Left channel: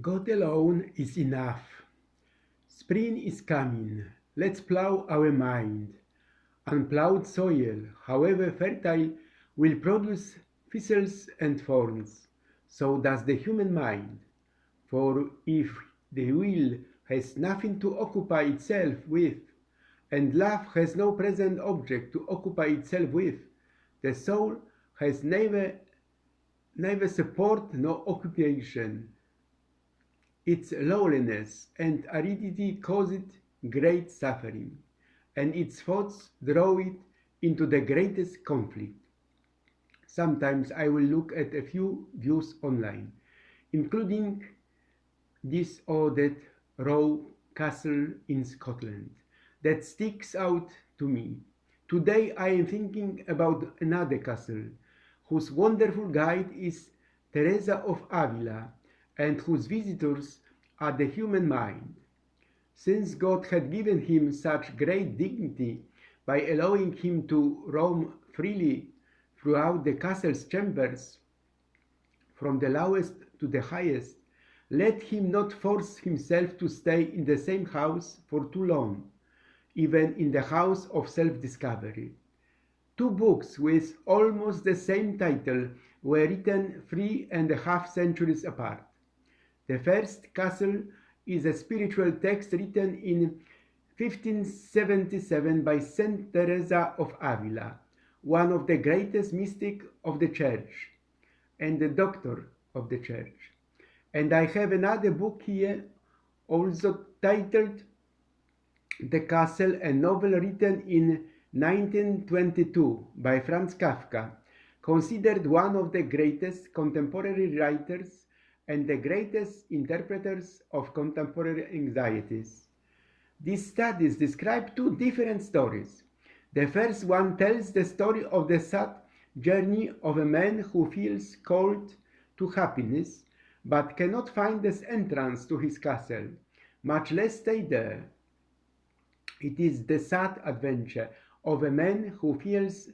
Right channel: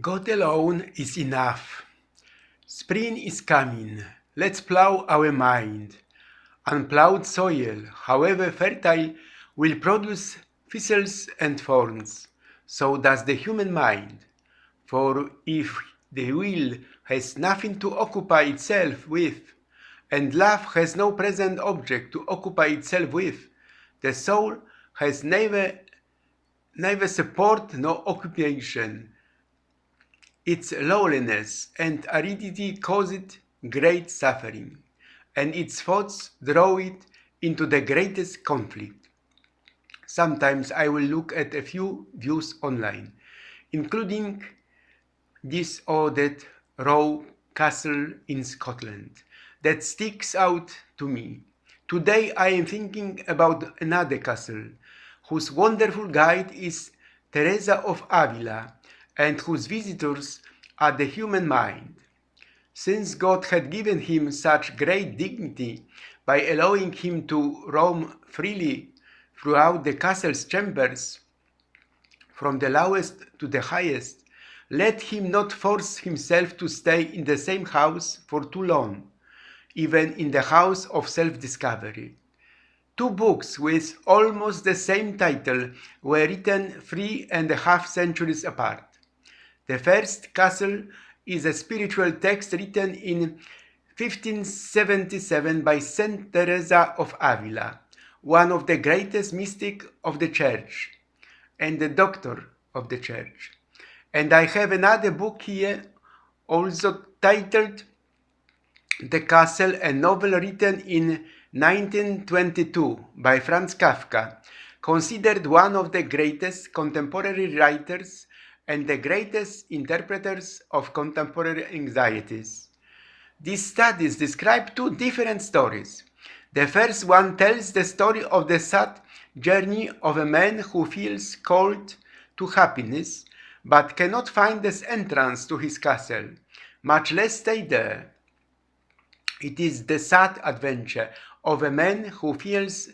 God alone is enough. Spring is coming. Let's plow our mind. Unplowed soil, however fertile, will produce thistles and thorns. So does the human mind. For if the will has nothing to occupy itself with, and love has no present object to occupy itself with, the soul has neither support nor occupation. Its lowliness and aridity cause it great suffering, and its thoughts draw it into the greatest conflict. Sometimes I will look at a few views online, including this or that Rowe castle in Scotland, that sticks out to me. Today I am thinking about another castle, whose wonderful guide is Teresa of Avila, and whose visitors are the human mind. Since God had given him such great dignity by allowing him to roam freely throughout the castle's chambers, from the lowest to the highest, let him not force himself to stay in the same house for too long, even in the house of self-discovery. Two books with almost the same title were written 3.5 centuries apart. The first castle is a spiritual text written in 1577 by Saint Teresa of Avila, one of the greatest mystics of the Church and the doctor of the Church. And I have another book here, also titled The Castle, a novel written in 1922 by Franz Kafka, considered one of the greatest contemporary writers and the greatest interpreters of contemporary anxieties. These studies describe two different stories. The first one tells the story of the sad journey of a man who feels called to happiness, but cannot find the entrance to his castle, much less stay there. It is the sad adventure of a man who feels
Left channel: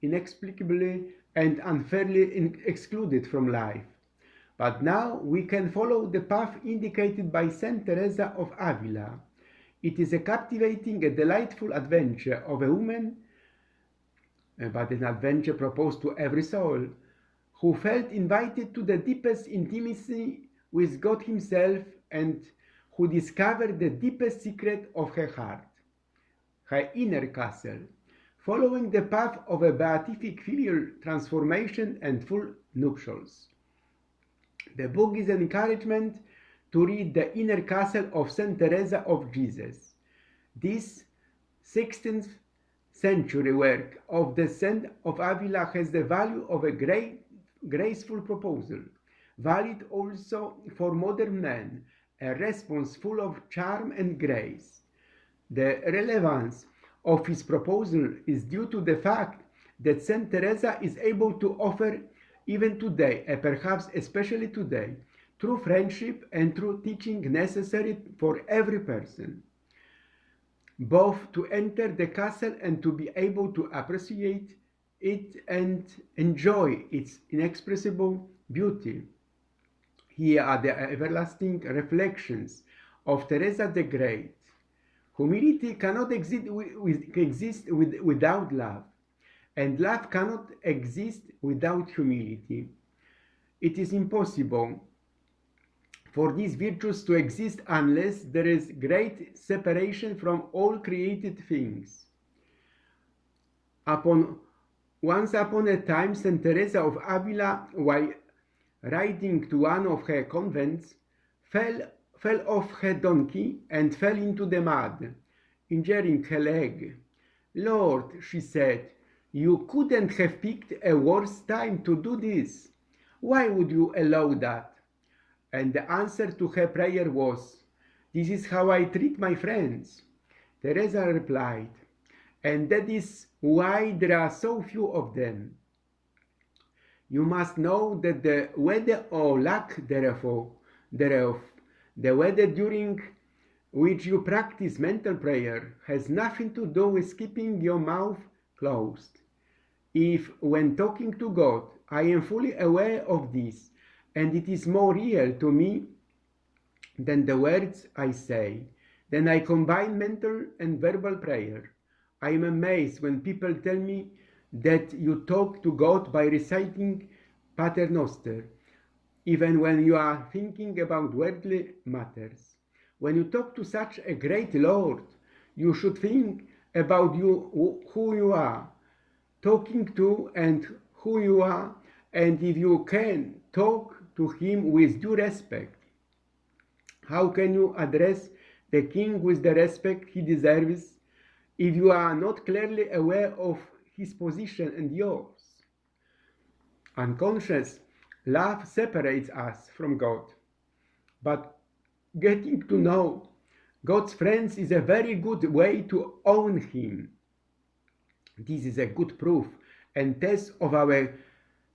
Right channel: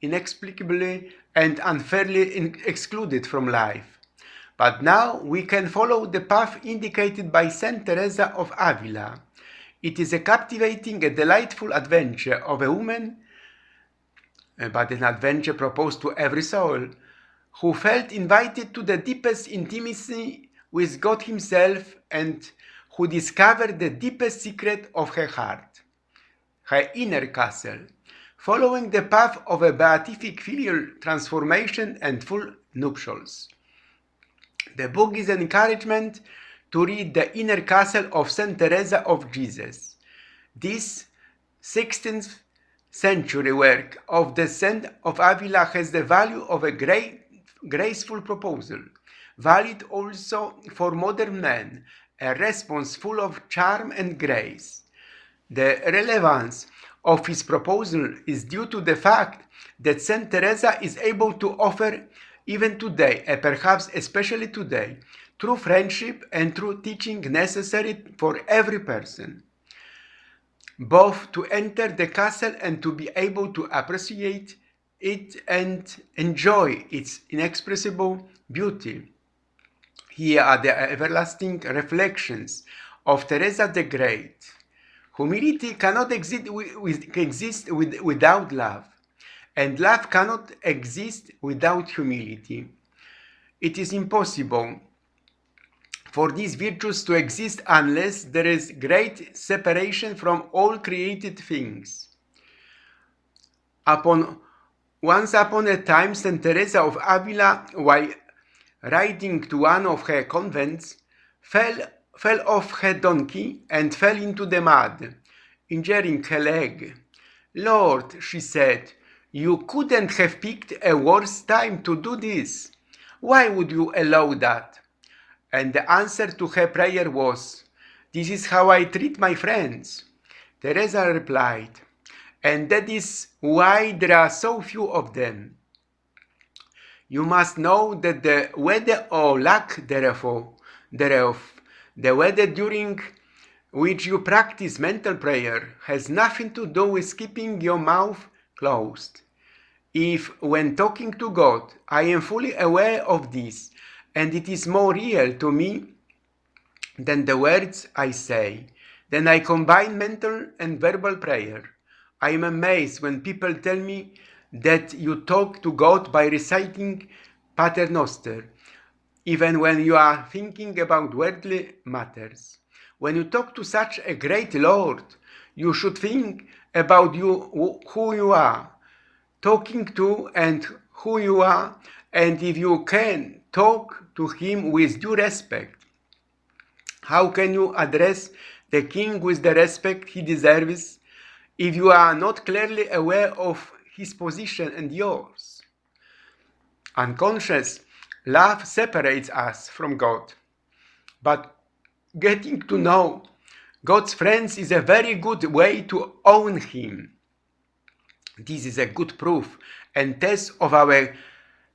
inexplicably and unfairly excluded from life. But now we can follow the path indicated by Saint Teresa of Avila. It is a captivating and delightful adventure of a woman, but an adventure proposed to every soul, who felt invited to the deepest intimacy with God Himself and who discovered the deepest secret of her heart, her inner castle, following the path of a beatific filial transformation and full nuptials. The book is an encouragement to read The Inner Castle of Saint Teresa of Jesus. This 16th century work of the Saint of Avila has the value of a great, graceful proposal, valid also for modern men, a response full of charm and grace. The relevance of his proposal is due to the fact that Saint Teresa is able to offer even today, and perhaps especially today, true friendship and true teaching necessary for every person, both to enter the castle and to be able to appreciate it and enjoy its inexpressible beauty. Here are the everlasting reflections of Teresa the Great. Humility cannot exist without love, and love cannot exist without humility. It is impossible for these virtues to exist unless there is great separation from all created things. Once upon a time, Saint Teresa of Avila, while riding to one of her convents, fell off her donkey and fell into the mud, injuring her leg. "Lord," she said, "you couldn't have picked a worse time to do this. Why would you allow that?" And the answer to her prayer was, "This is how I treat my friends." Teresa replied, "And that is why there are so few of them. You must know that the weather or lack thereof, the weather during which you practice mental prayer, has nothing to do with keeping your mouth closed. If, when talking to God, I am fully aware of this, and it is more real to me than the words I say. Then I combine mental and verbal prayer. I am amazed when people tell me that you talk to God by reciting Pater Noster, even when you are thinking about worldly matters. When you talk to such a great Lord, you should think about who you are talking to and who you are, and if you can talk to him with due respect. How can you address the king with the respect he deserves if you are not clearly aware of his position and yours? Unconscious love separates us from God, but getting to know God's friends is a very good way to own him. This is a good proof and test of our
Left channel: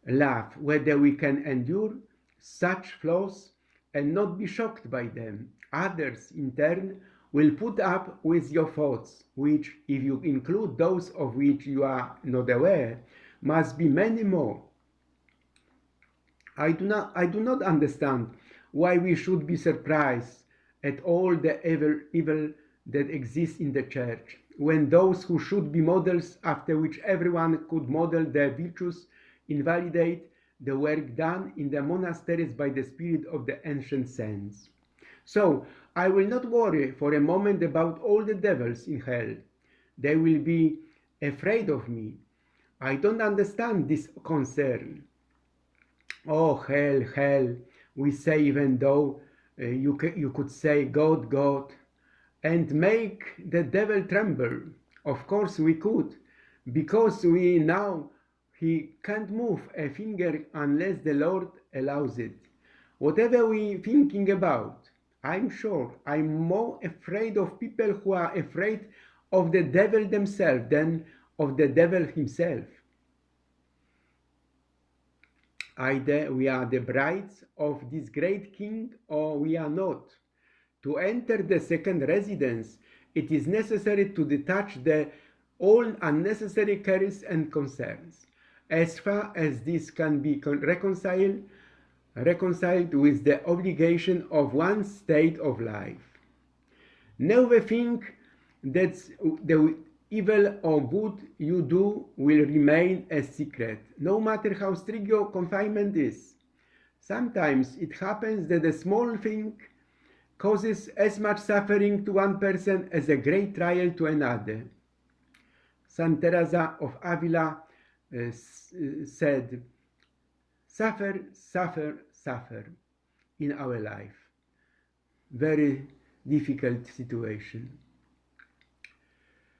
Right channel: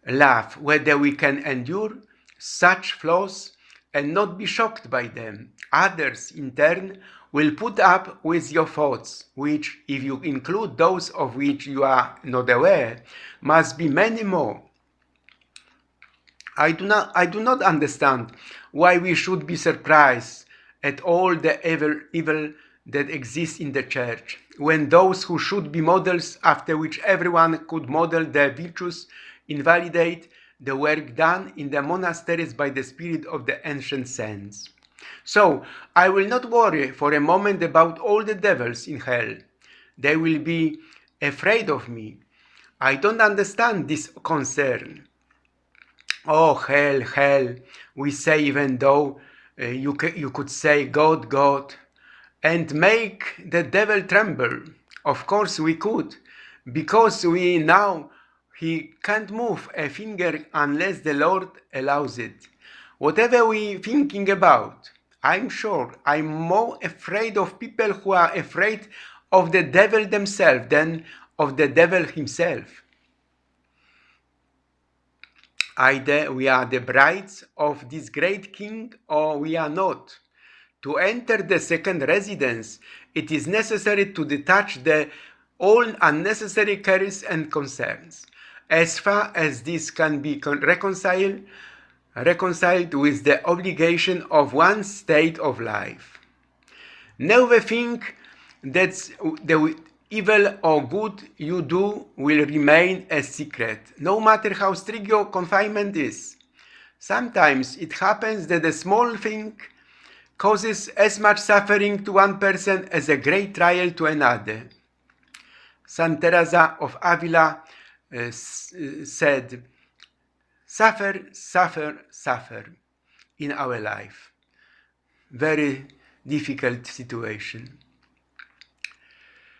love, whether we can endure such flaws and not be shocked by them. Others, in turn, will put up with your thoughts, which, if you include those of which you are not aware, must be many more. I do not understand why we should be surprised at all the evil that exists in the church, when those who should be models after which everyone could model their virtues invalidate the work done in the monasteries by the spirit of the ancient saints. So I will not worry for a moment about all the devils in hell. They will be afraid of me. I don't understand this concern. Oh, hell, hell, we say, even though you could say God, God, and make the devil tremble. Of course we could, because we know he can't move a finger unless the Lord allows it. Whatever we thinking about, I'm sure I'm more afraid of people who are afraid of the devil themselves than of the devil himself. Either we are the brides of this great king or we are not. To enter the second residence, it is necessary to detach all unnecessary cares and concerns, as far as this can be reconciled with the obligation of one's state of life. Never think that the evil or good you do will remain a secret, no matter how strict your confinement is. Sometimes it happens that a small thing causes as much suffering to one person as a great trial to another. Saint Teresa of Avila said, suffer, suffer, suffer in our life. Very difficult situation.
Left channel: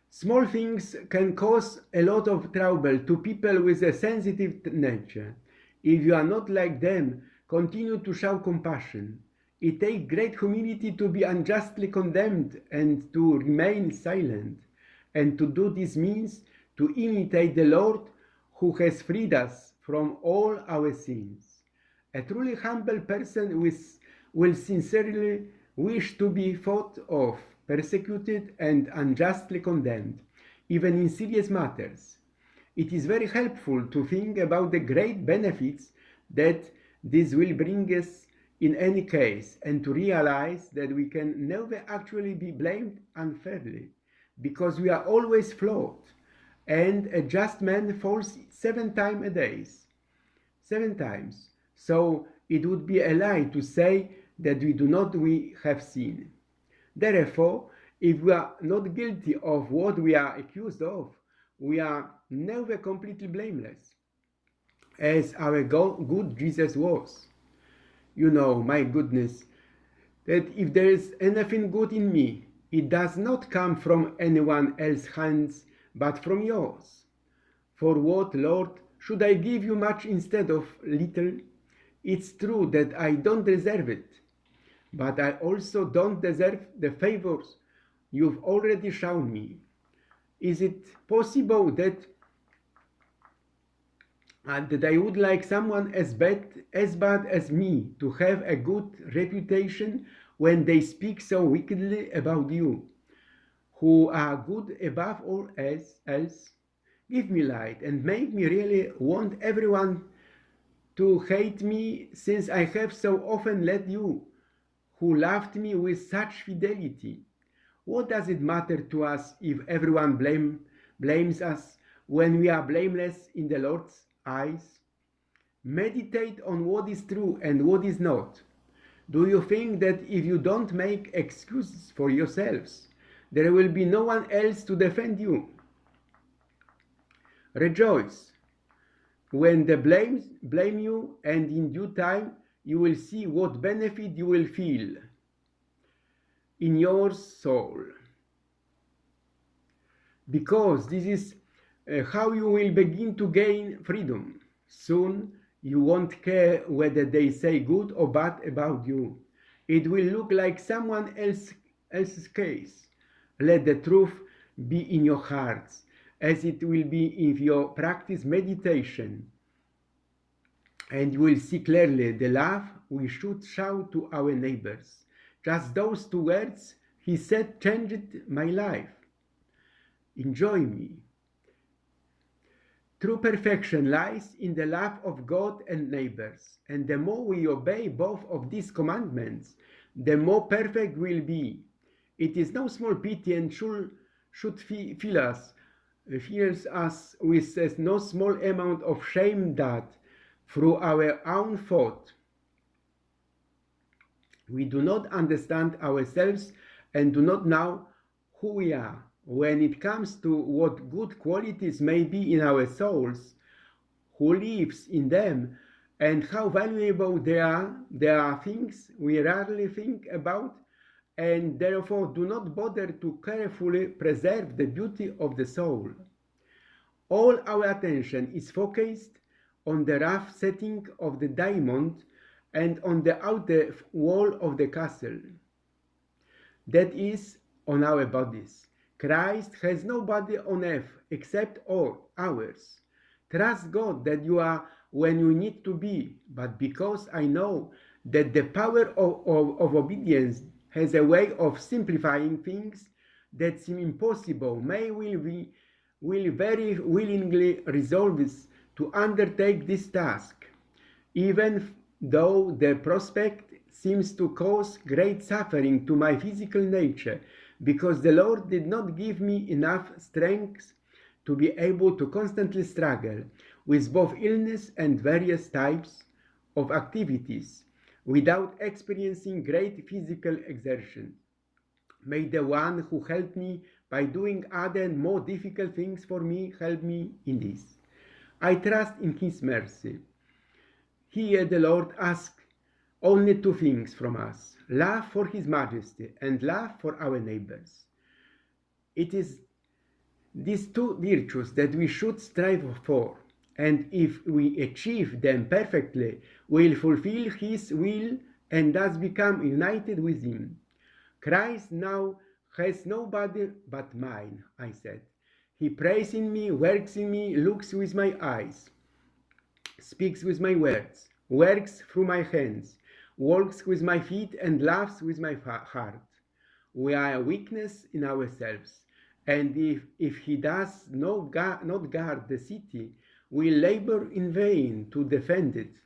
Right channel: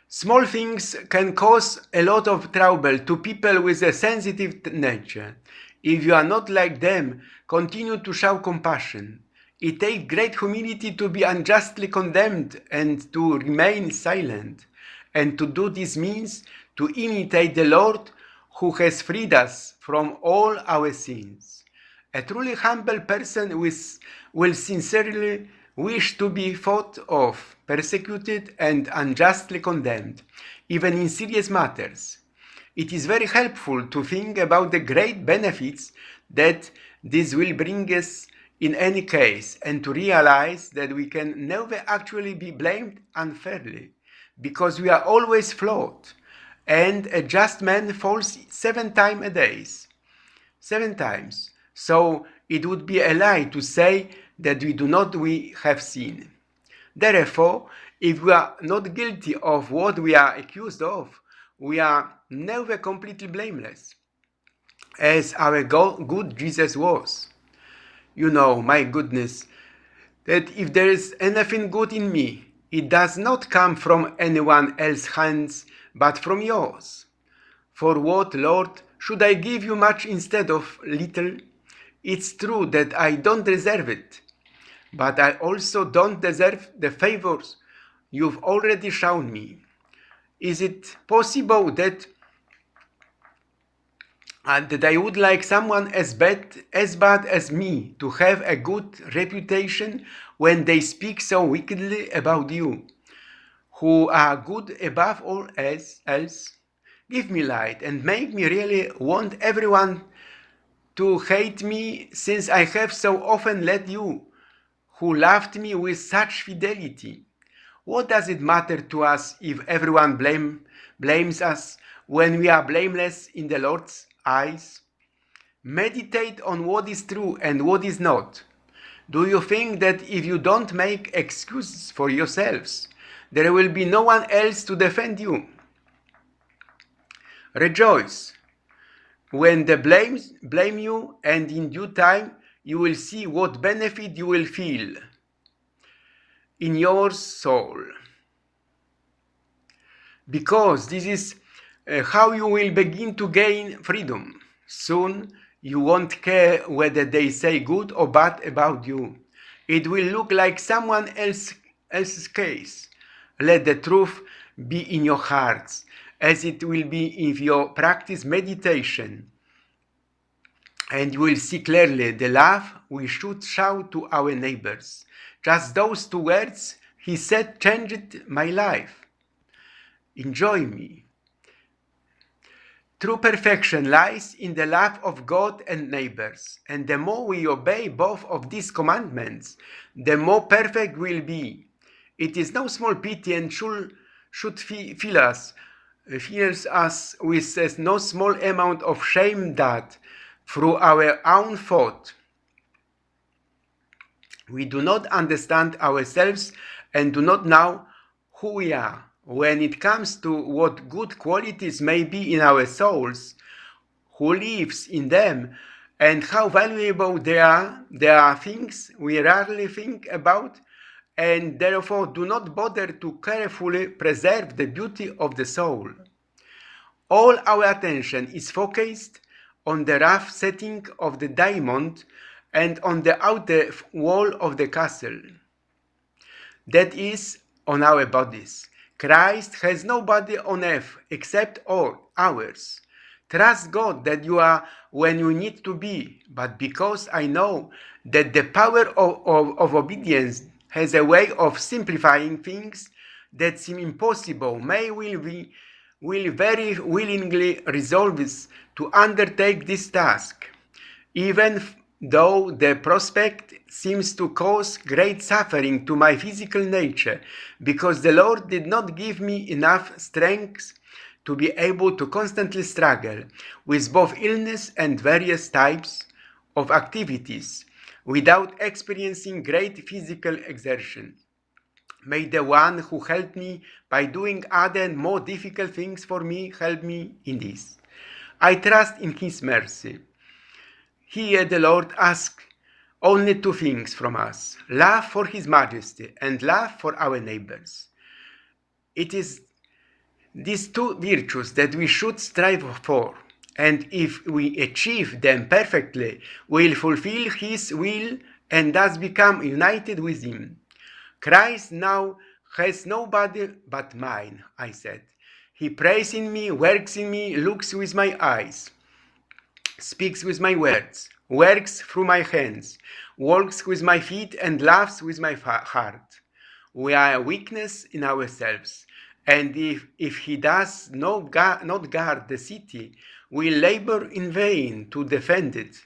Small things can cause a lot of trouble to people with a sensitive nature. If you are not like them, continue to show compassion. It takes great humility to be unjustly condemned and to remain silent. And to do this means to imitate the Lord who has freed us from all our sins. A truly humble person will sincerely wish to be thought of, persecuted, and unjustly condemned, even in serious matters. It is very helpful to think about the great benefits that this will bring us in any case, and to realize that we can never actually be blamed unfairly, because we are always flawed, and a just man falls 7 times a day. 7 times. So it would be a lie to say that we have sinned. Therefore, if we are not guilty of what we are accused of, we are never completely blameless, as our good Jesus was. You know, my goodness, that if there is anything good in me, it does not come from anyone else's hands, but from yours. For what, Lord, should I give you much instead of little? It's true that I don't deserve it, but I also don't deserve the favors you've already shown me. Is it possible that that I would like someone as bad as me to have a good reputation when they speak so wickedly about you, who are good above all else? Give me light and make me really want everyone to hate me, since I have so often led you, who loved me with such fidelity. What does it matter to us if everyone blames us when we are blameless in the Lord's eyes? Meditate on what is true and what is not. Do you think that if you don't make excuses for yourselves, there will be no one else to defend you? Rejoice when they blame you, and in due time you will see what benefit you will feel in your soul. Because this is how you will begin to gain freedom. Soon you won't care whether they say good or bad about you. It will look like someone else's case. Let the truth be in your hearts, as it will be if you practice meditation. And you will see clearly the love we should show to our neighbors. Just those 2 words he said changed my life. Enjoy me. True perfection lies in the love of God and neighbors, and the more we obey both of these commandments, the more perfect we'll be. It is no small pity and should fills us with no small amount of shame that, through our own fault, we do not understand ourselves and do not know who we are. When it comes to what good qualities may be in our souls, who lives in them, and how valuable they are things we rarely think about, and therefore do not bother to carefully preserve the beauty of the soul. All our attention is focused on the rough setting of the diamond and on the outer wall of the castle. That is, on our bodies. Christ has no body on earth except ours. Trust God that you are when you need to be, but because I know that the power of obedience has a way of simplifying things that seem impossible, will very willingly resolve to undertake this task, even though the prospect seems to cause great suffering to my physical nature, because the Lord did not give me enough strength to be able to constantly struggle with both illness and various types of activities without experiencing great physical exertion. May the one who helped me by doing other and more difficult things for me help me in this. I trust in His mercy. Here the Lord asks only 2 things from us: love for His majesty and love for our neighbors. It is these 2 virtues that we should strive for, and if we achieve them perfectly, we'll fulfill His will and thus become united with Him. Christ now has no body but mine, I said. He prays in me, works in me, looks with my eyes, speaks with my words, works through my hands, walks with my feet, and laughs with my heart. We are a weakness in ourselves, and if he does not guard the city, we labor in vain to defend it.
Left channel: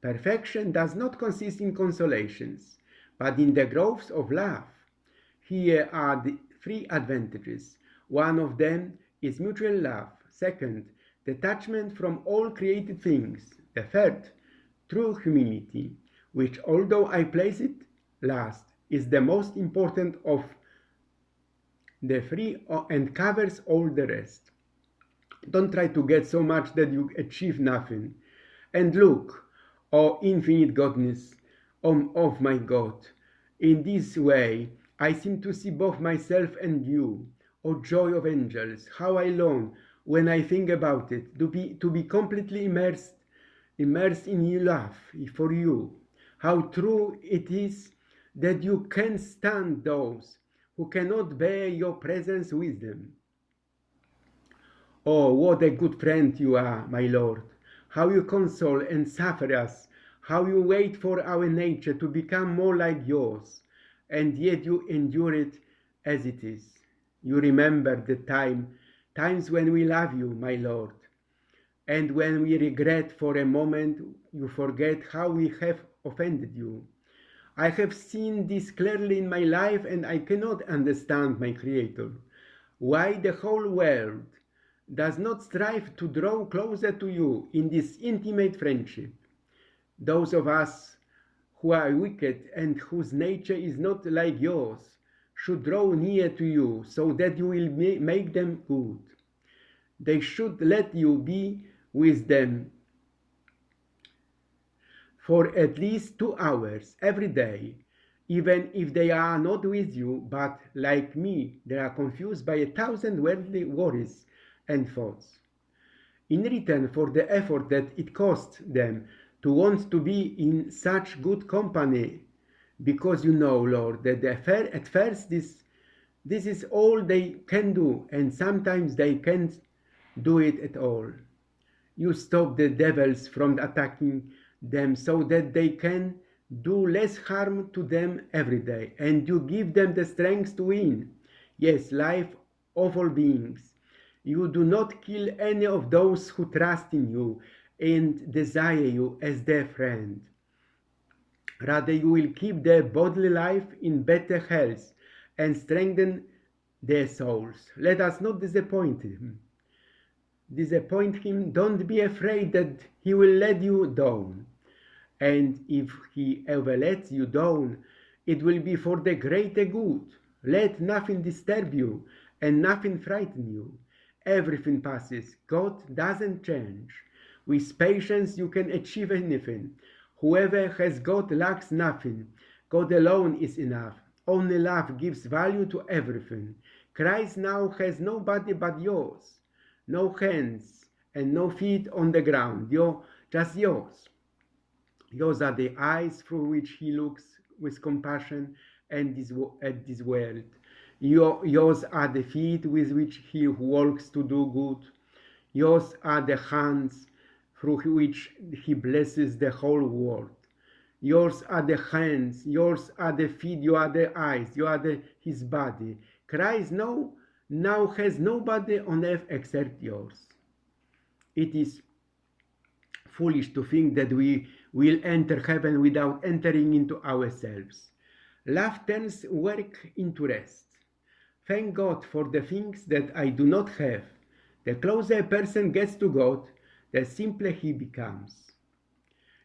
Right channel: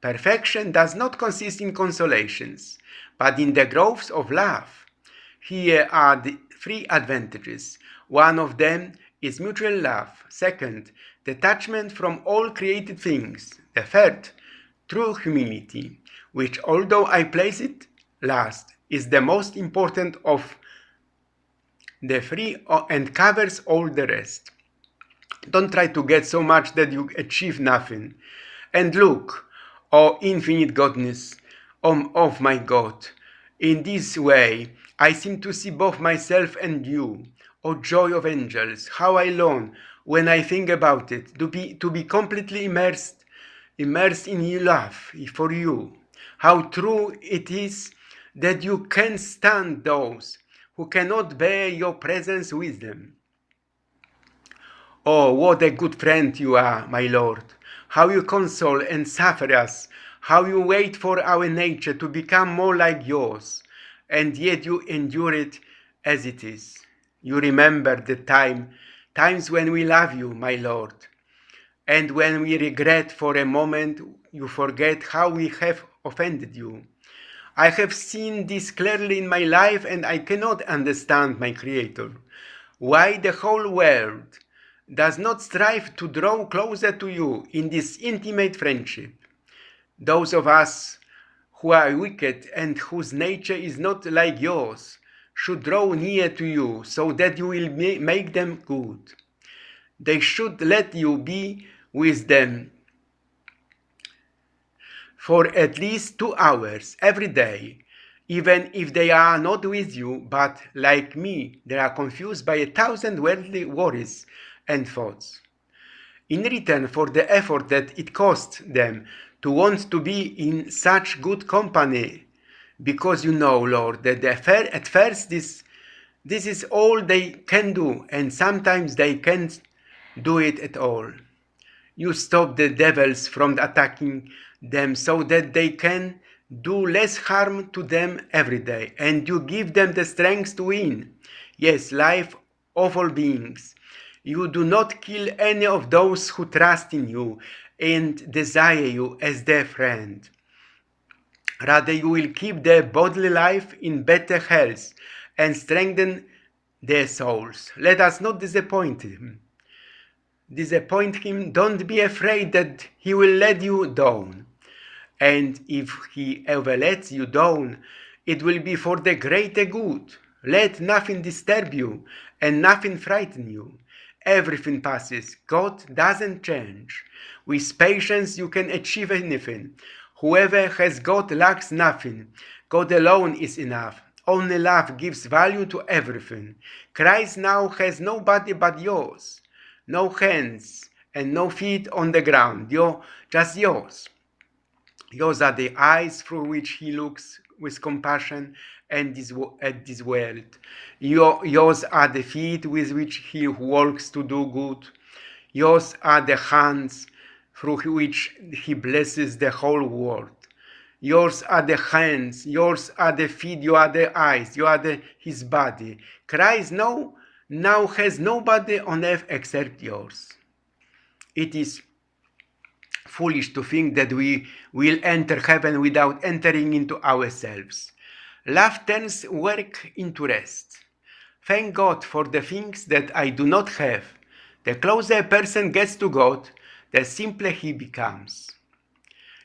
Perfection does not consist in consolations, but in the growths of love. Here are the 3 advantages. One of them is mutual love. Second, detachment from all created things. The third, true humility, which, although I place it last, is the most important of the 3 and covers all the rest. Don't try to get so much that you achieve nothing. And look, O infinite godness of my God, in this way I seem to see both myself and you. O joy of angels, how I long, when I think about it, to be completely immersed in your love for you. How true it is that you can stand those who cannot bear your presence with them. Oh, what a good friend you are, my Lord! How you console and suffer us, how you wait for our nature to become more like yours, and yet you endure it as it is. You remember the times when we love you, my Lord, and when we regret for a moment, you forget how we have offended you. I have seen this clearly in my life, and I cannot understand my Creator. Why the whole world does not strive to draw closer to you in this intimate friendship. Those of us who are wicked and whose nature is not like yours should draw near to you so that you will make them good. They should let you be with them for at least 2 hours every day, even if they are not with you, but like me, they are confused by 1,000 worldly worries and thoughts. In return for the effort that it costs them to want to be in such good company, because you know, Lord, that at first this is all they can do, and sometimes they can't do it at all. You stop the devils from attacking them so that they can do less harm to them every day, and you give them the strength to win. Yes, life of all beings. You do not kill any of those who trust in you and desire you as their friend. Rather, you will keep their bodily life in better health and strengthen their souls. Let us not disappoint him. Don't be afraid that he will let you down. And if he ever lets you down, it will be for the greater good. Let nothing disturb you and nothing frighten you. Everything passes. God doesn't change. With patience, you can achieve anything. Whoever has God lacks nothing. God alone is enough. Only love gives value to everything. Christ now has nobody but yours. No hands and no feet on the ground. Just yours. Yours are the eyes through which he looks with compassion at this world. Yours are the feet with which he walks to do good. Yours are the hands through which he blesses the whole world. Yours are the hands, yours are the feet, you are the eyes, you are his body. Christ now has nobody on earth except yours. It is foolish to think that we will enter heaven without entering into ourselves. Love turns work into rest. Thank God for the things that I do not have. The closer a person gets to God, the simpler he becomes.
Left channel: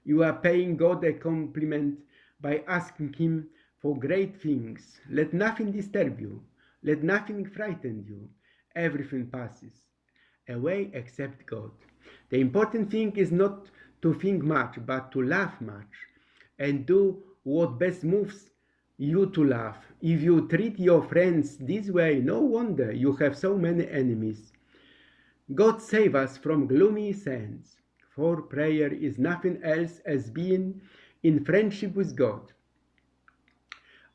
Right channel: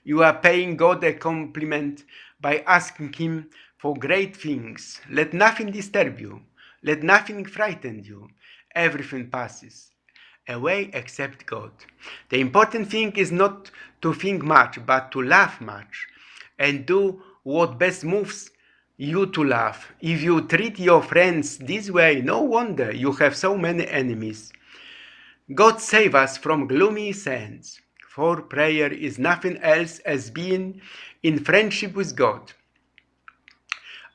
You are paying God a compliment by asking him for great things. Let nothing disturb you. Let nothing frighten you. Everything passes away except God. The important thing is not to think much, but to laugh much and do what best moves you to laugh. If you treat your friends this way, no wonder you have so many enemies. God save us from gloomy sins, for prayer is nothing else as being in friendship with God.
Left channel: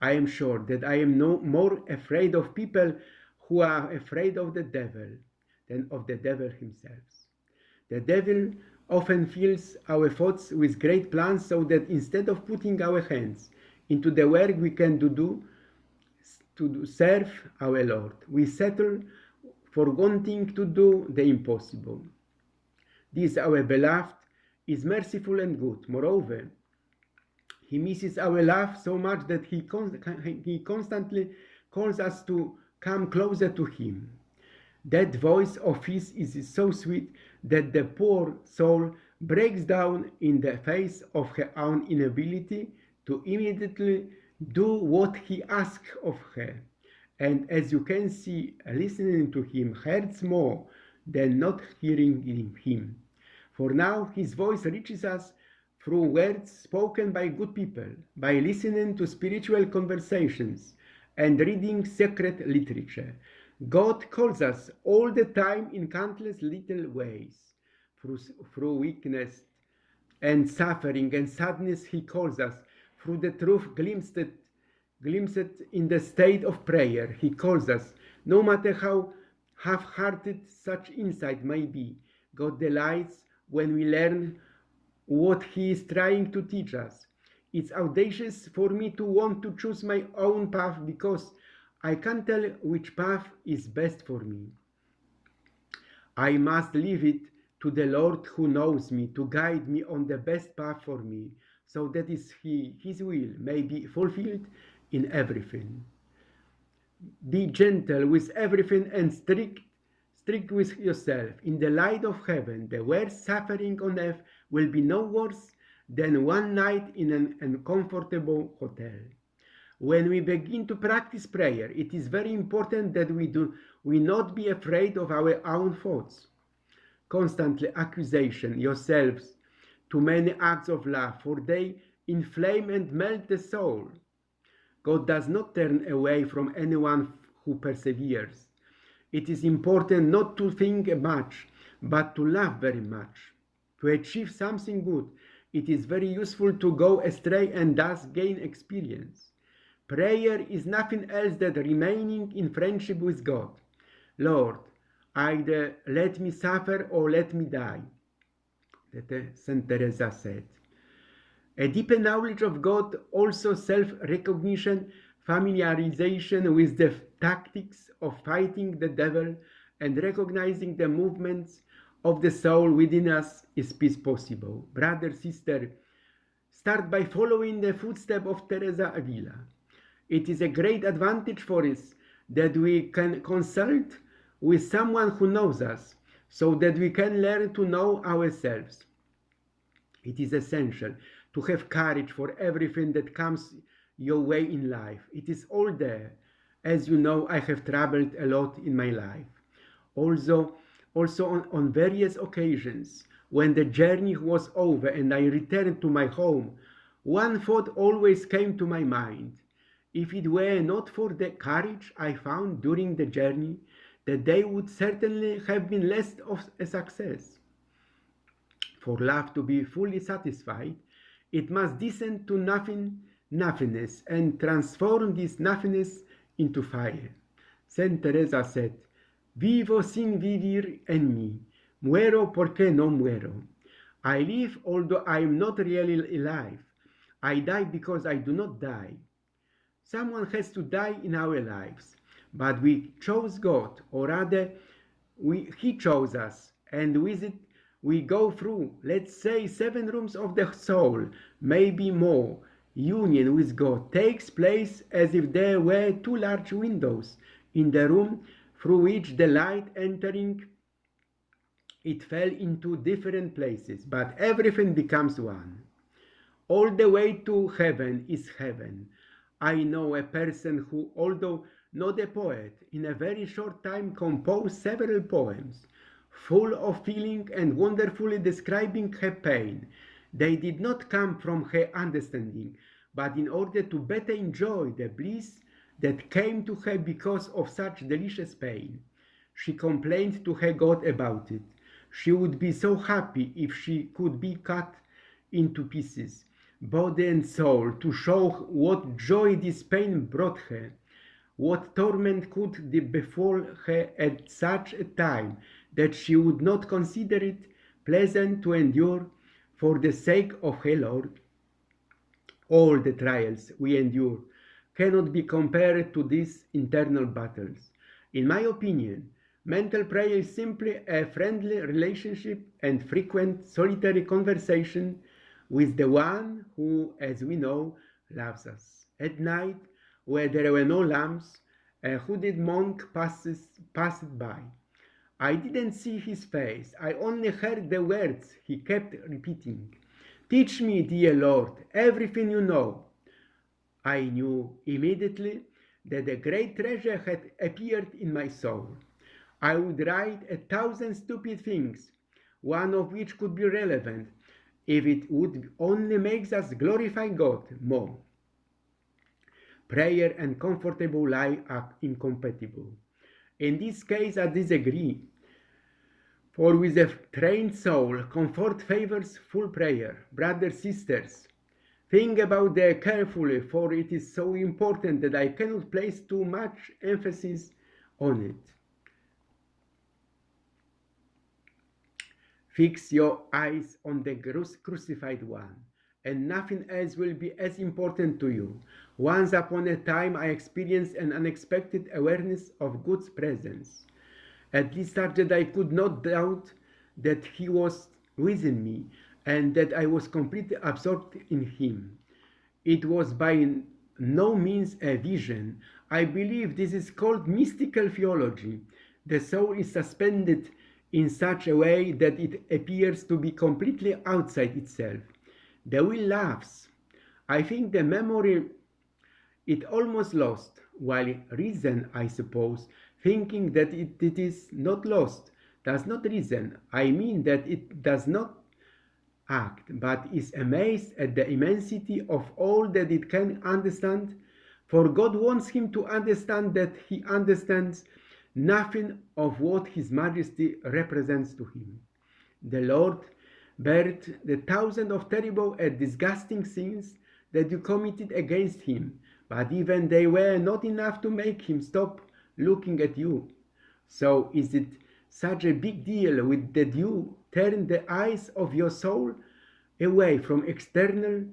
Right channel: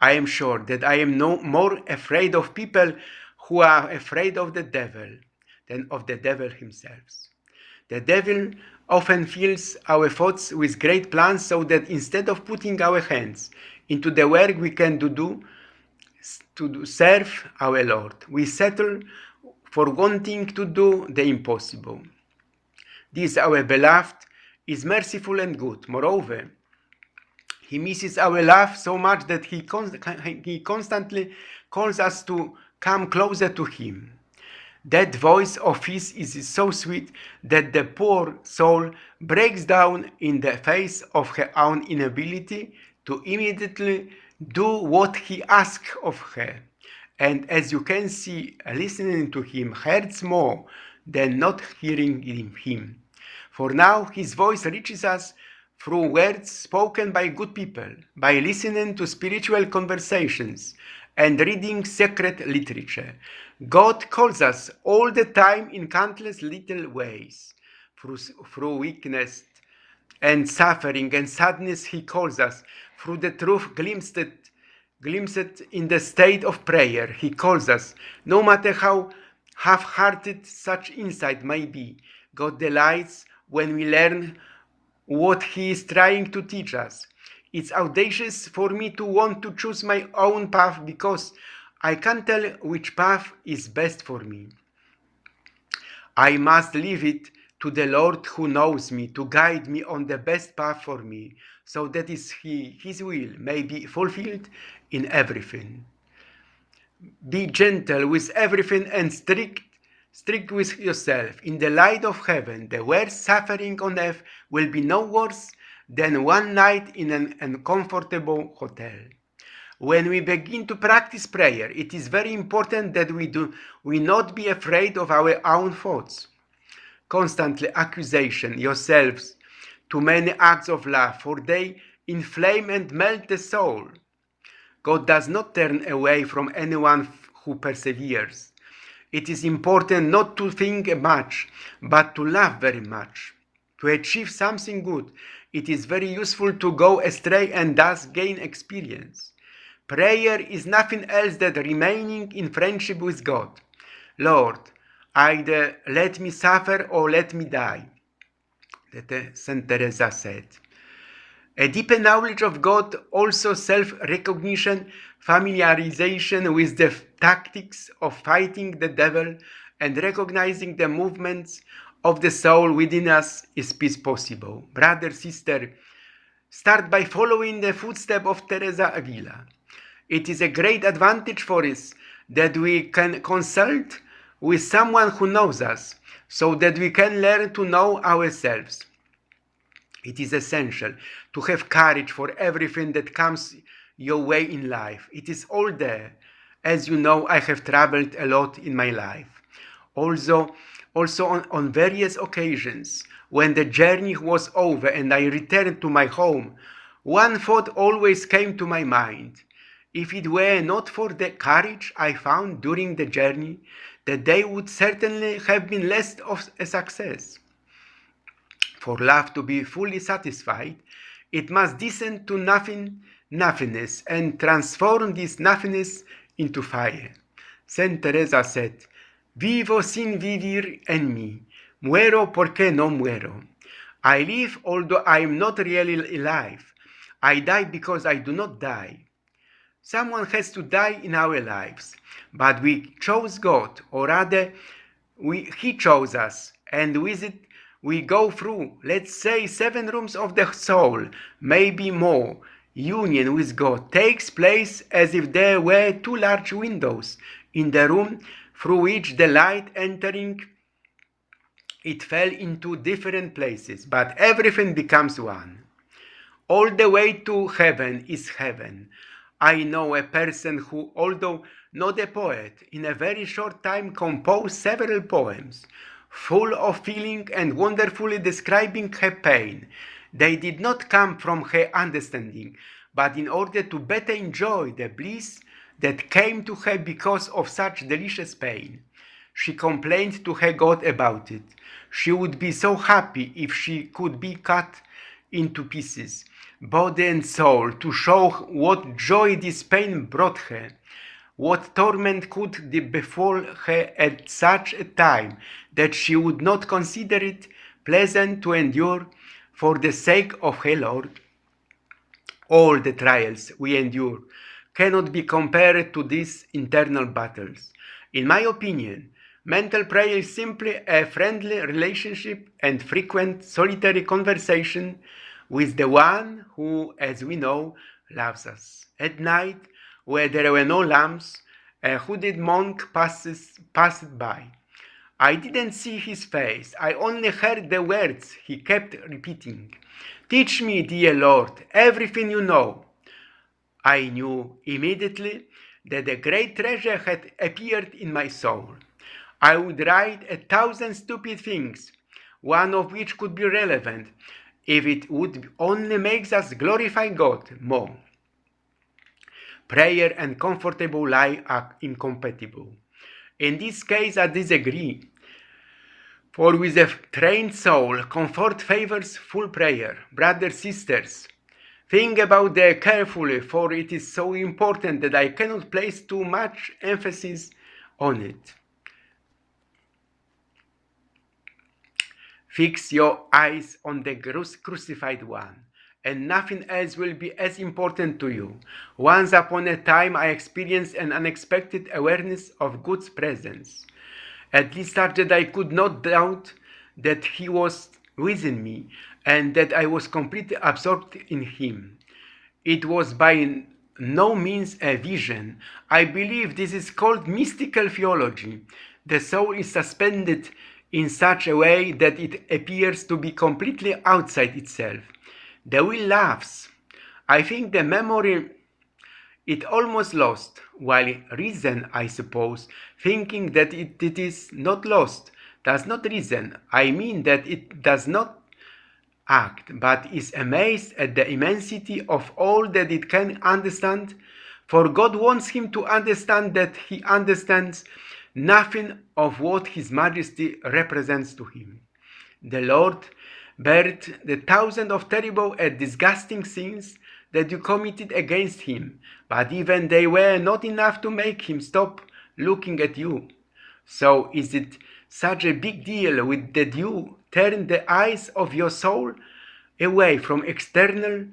I am sure that I am no more afraid of people who are afraid of the devil than of the devil himself. The devil often fills our thoughts with great plans so that instead of putting our hands into the work we can do to serve our Lord, we settle for wanting to do the impossible. This, our beloved, is merciful and good. Moreover, he misses our love so much that he constantly calls us to come closer to him. That voice of his is so sweet that the poor soul breaks down in the face of her own inability to immediately do what he asks of her. And as you can see, listening to him hurts more than not hearing him. For now his voice reaches us through words spoken by good people, by listening to spiritual conversations and reading sacred literature. God calls us all the time in countless little ways. Through weakness and suffering and sadness, he calls us. Through the truth glimpsed in the state of prayer, he calls us. No matter how half-hearted such insight may be, God delights when we learn what he is trying to teach us. It's audacious for me to want to choose my own path because I can't tell which path is best for me. I must leave it to the Lord who knows me to guide me on the best path for me. so that his will may be fulfilled in everything. Be gentle with everything and strict with yourself. In the light of heaven, the worst suffering on earth will be no worse than one night in an uncomfortable hotel. When we begin to practice prayer, it is very important that we not be afraid of our own thoughts. Constantly accusation yourselves to many acts of love, for they inflame and melt the soul. God does not turn away from anyone who perseveres. It is important not to think much, but to love very much. To achieve something good, it is very useful to go astray and thus gain experience. Prayer is nothing else than remaining in friendship with God. Lord, either let me suffer or let me die, that Saint Teresa said. A deeper knowledge of God, also self-recognition, familiarization with the tactics of fighting the devil, and recognizing the movements of the soul within us is possible. Brother, sister, start by following the footsteps of Teresa Avila. It is a great advantage for us that we can consult with someone who knows us, so that we can learn to know ourselves. It is essential to have courage for everything that comes your way in life. It is all there. As you know, I have traveled a lot in my life. Also on various occasions, when the journey was over and I returned to my home, one thought always came to my mind. If it were not for the courage I found during the journey, the day would certainly have been less of a success. For love to be fully satisfied, it must descend to nothingness and transform this nothingness into fire. Saint Teresa said, "Vivo sin vivir en mí, muero porque no muero." I live although I am not really alive. I die because I do not die. Someone has to die in our lives, but we chose God, or rather, He chose us, and with it we go through, let's say, 7 rooms of the soul, maybe more. Union with God takes place as if there were 2 large windows in the room through which the light entering it fell into different places, but everything becomes one. All the way to heaven is heaven. I know a person who, although not a poet, in a very short time composed several poems, full of feeling and wonderfully describing her pain. They did not come from her understanding, but in order to better enjoy the bliss that came to her because of such delicious pain. She complained to her God about it. She would be so happy if she could be cut into pieces, body and soul, to show what joy this pain brought her. What torment could befall her at such a time that she would not consider it pleasant to endure for the sake of her Lord? All the trials we endure cannot be compared to these internal battles. In my opinion, mental prayer is simply a friendly relationship and frequent solitary conversation with the one who, as we know, loves us. At night, where there were no lamps, a hooded monk passed by. I didn't see his face, I only heard the words he kept repeating. "Teach me, dear Lord, everything you know." I knew immediately that a great treasure had appeared in my soul. I would write 1,000 stupid things, one of which could be relevant, if it would only make us glorify God more. Prayer and comfortable life are incompatible. In this case, I disagree. For with a trained soul, comfort favors full prayer. Brothers, sisters, think about that carefully, for it is so important that I cannot place too much emphasis on it. Fix your eyes on the crucified one, and nothing else will be as important to you. Once upon a time, I experienced an unexpected awareness of God's presence, at least such that I could not doubt that He was within me, and that I was completely absorbed in him. It was by no means a vision. I believe this is called mystical theology. The soul is suspended in such a way that it appears to be completely outside itself. The will laughs. I think the memory it almost lost, while reason, I suppose, thinking that it is not lost, does not reason. I mean that it does not act, but is amazed at the immensity of all that it can understand. For God wants him to understand that he understands nothing of what his majesty represents to him. The Lord bared the thousand of terrible and disgusting sins that you committed against him, but even they were not enough to make him stop looking at you. So is it such a big deal with that you turn the eyes of your soul away from external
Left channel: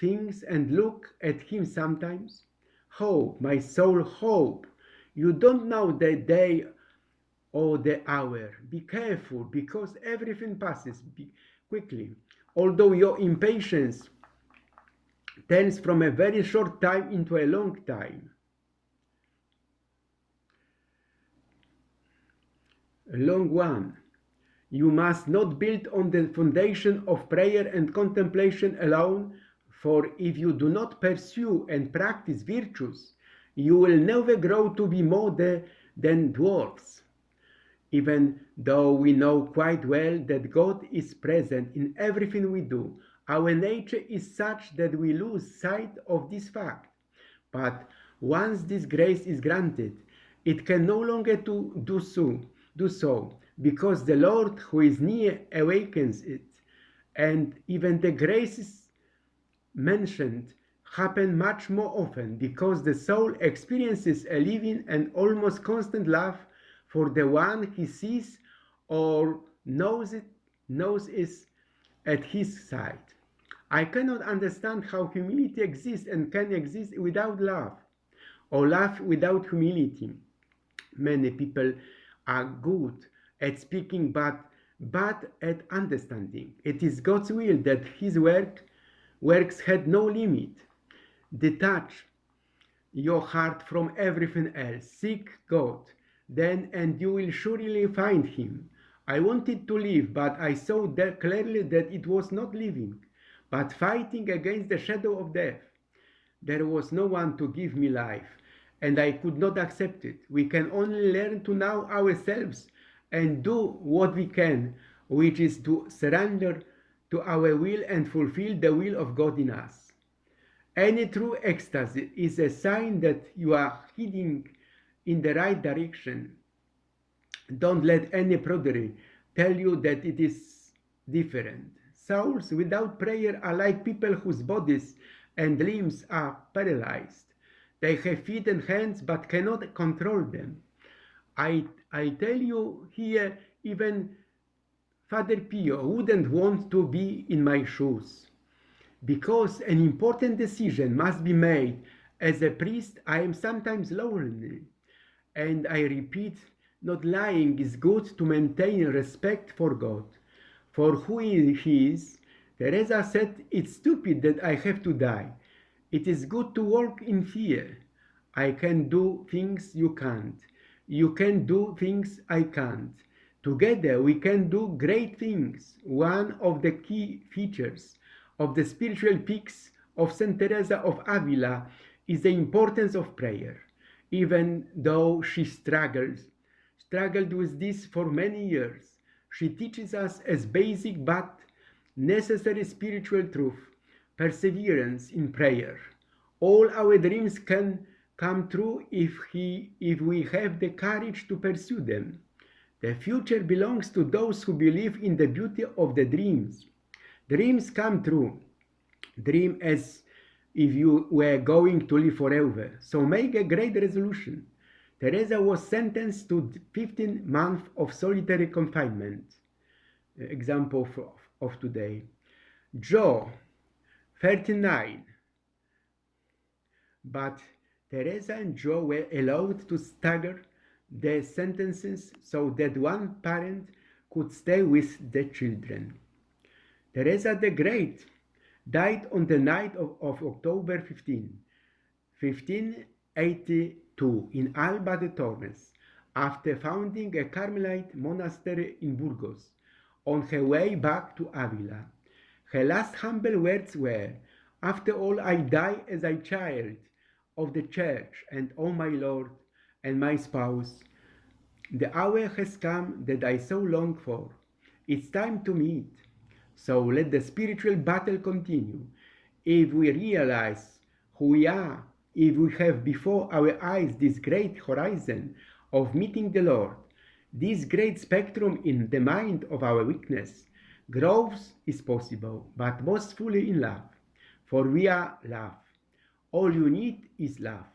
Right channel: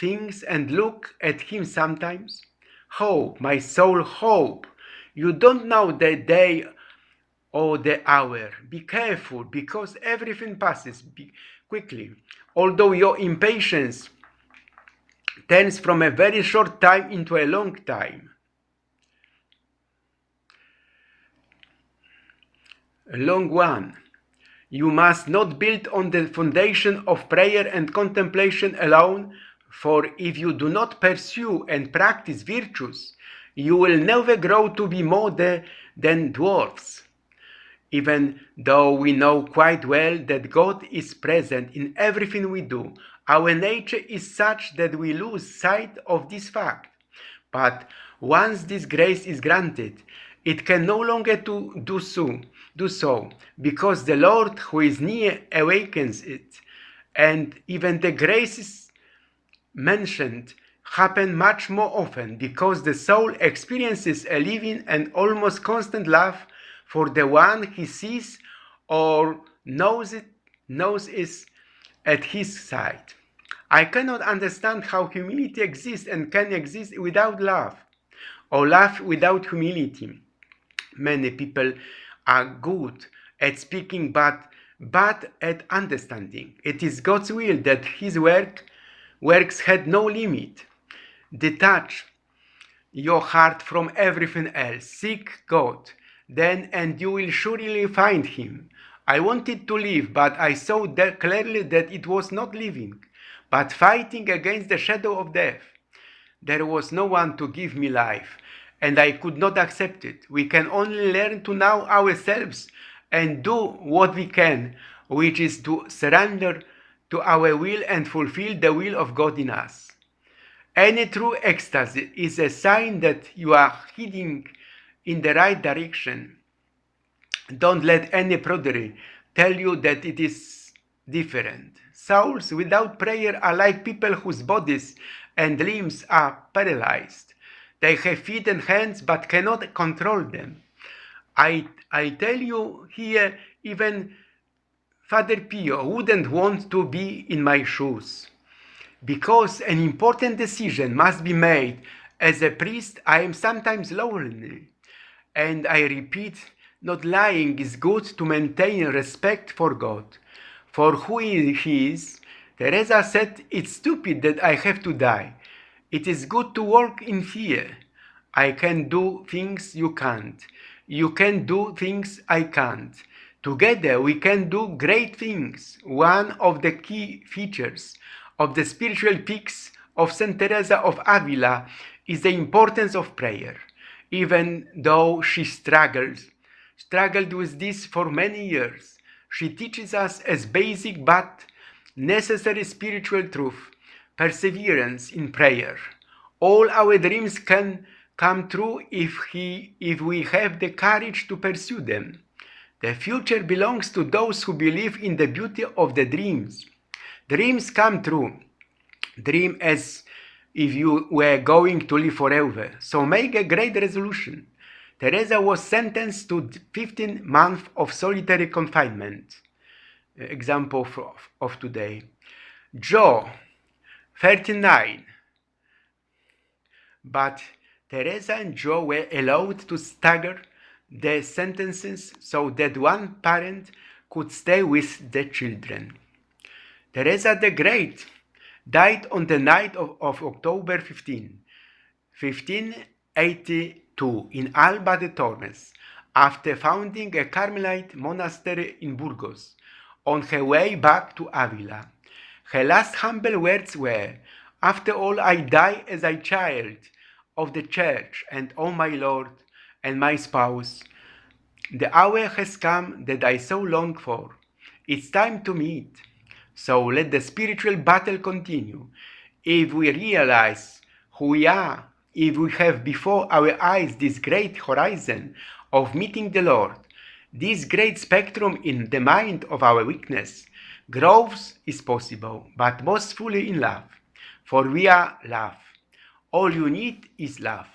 things and look at him sometimes? Hope, my soul, hope. You don't know the day or the hour. Be careful, because everything passes quickly. Although your impatience turns from a very short time into a long time. A long one. You must not build on the foundation of prayer and contemplation alone, for if you do not pursue and practice virtues, you will never grow to be more than dwarfs. Even though we know quite well that God is present in everything we do, our nature is such that we lose sight of this fact. But once this grace is granted, it can no longer do so, because the Lord who is near awakens it, and even the graces mentioned happen much more often, because the soul experiences a living and almost constant love for the one he sees or knows is at his side. I cannot understand how humility exists and can exist without love, or love without humility. Many people are good at speaking but bad at understanding. It is God's will that his works had no limit. Detach your heart from everything else. Seek God, then, and you will surely find him. I wanted to live, but I saw clearly that it was not living, but fighting against the shadow of death. There was no one to give me life, and I could not accept it. We can only learn to know ourselves and do what we can, which is to surrender to our will and fulfill the will of God in us. Any true ecstasy is a sign that you are heading in the right direction. Don't let any prodigy tell you that it is different. Souls without prayer are like people whose bodies and limbs are paralyzed. They have feet and hands but cannot control them. I tell you here, even Father Pio wouldn't want to be in my shoes. Because an important decision must be made, as a priest, I am sometimes lonely. And I repeat, not lying is good to maintain respect for God. For who he is, Teresa said, it's stupid that I have to die. It is good to walk in fear. I can do things you can't. You can do things I can't. Together we can do great things. One of the key features of the spiritual peaks of Saint Teresa of Avila is the importance of prayer. Even though she struggled with this for many years, she teaches us as basic but necessary spiritual truth, perseverance in prayer. All our dreams can come true if we have the courage to pursue them. The future belongs to those who believe in the beauty of the dreams. Dreams come true. Dream as if you were going to live forever. So make a great resolution. Teresa was sentenced to 15 months of solitary confinement. Example of today. Joe, 39. But Teresa and Joe were allowed to stagger their sentences so that one parent could stay with the children. Teresa the Great died on the night of October 15, 1582 in Alba de Tormes after founding a Carmelite monastery in Burgos on her way back to Avila. Her last humble words were, "After all, I die as a child of the church, and O my Lord and my spouse, the hour has come that I so long for. It's time to meet. So let the spiritual battle continue. If we realize who we are, if we have before our eyes this great horizon of meeting the Lord, this great spectrum in the mind of our weakness, growth is possible, but most fully in love. For we are love. All you need is love.